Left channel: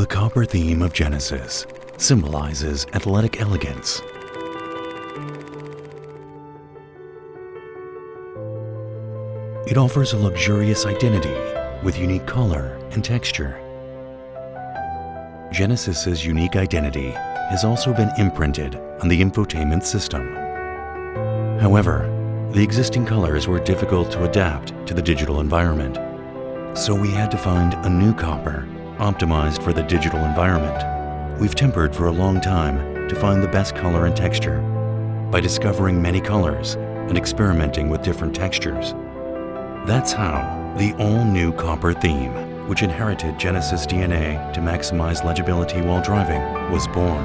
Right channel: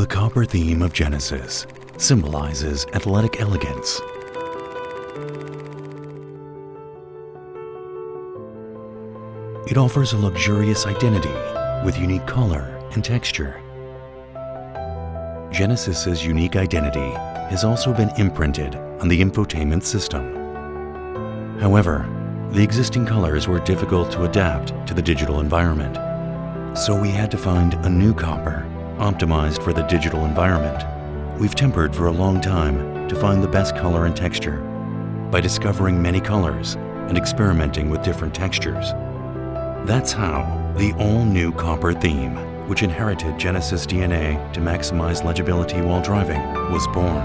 The copper theme of Genesis symbolizes athletic elegance. It offers a luxurious identity with unique color and texture. Genesis's unique identity has also been imprinted on the infotainment system. However, the existing colors were difficult to adapt to the digital environment, so we had to find a new copper optimized for the digital environment. We've tempered for a long time to find the best color and texture by discovering many colors and experimenting with different textures. That's how the all-new copper theme, which inherited Genesis DNA to maximize legibility while driving, was born.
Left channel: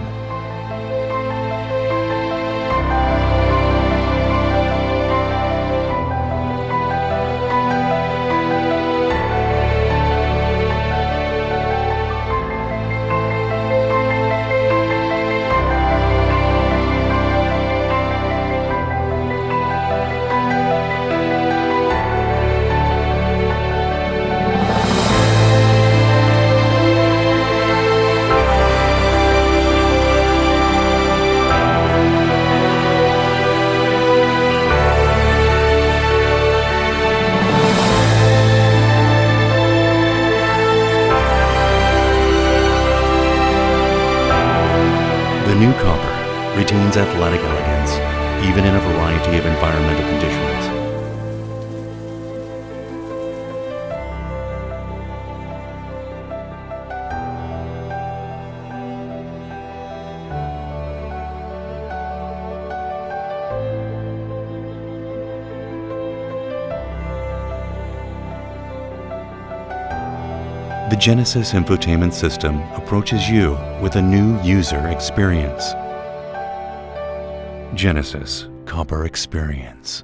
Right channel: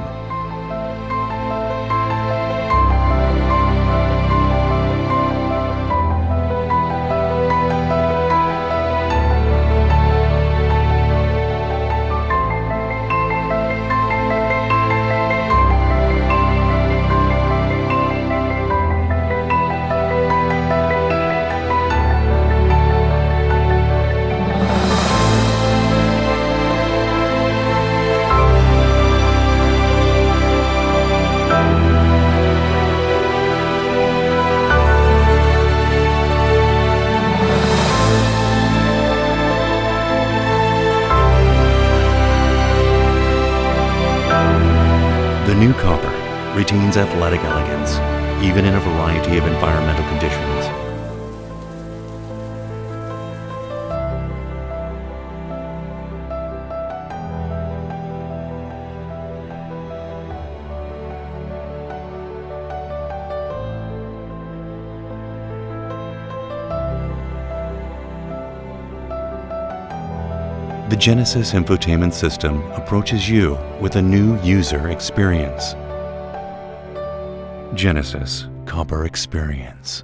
The new copper retains athletic elegance, even in a variety of environmental conditions. The Genesis infotainment system approaches you with a new user experience. Genesis Copper Experience.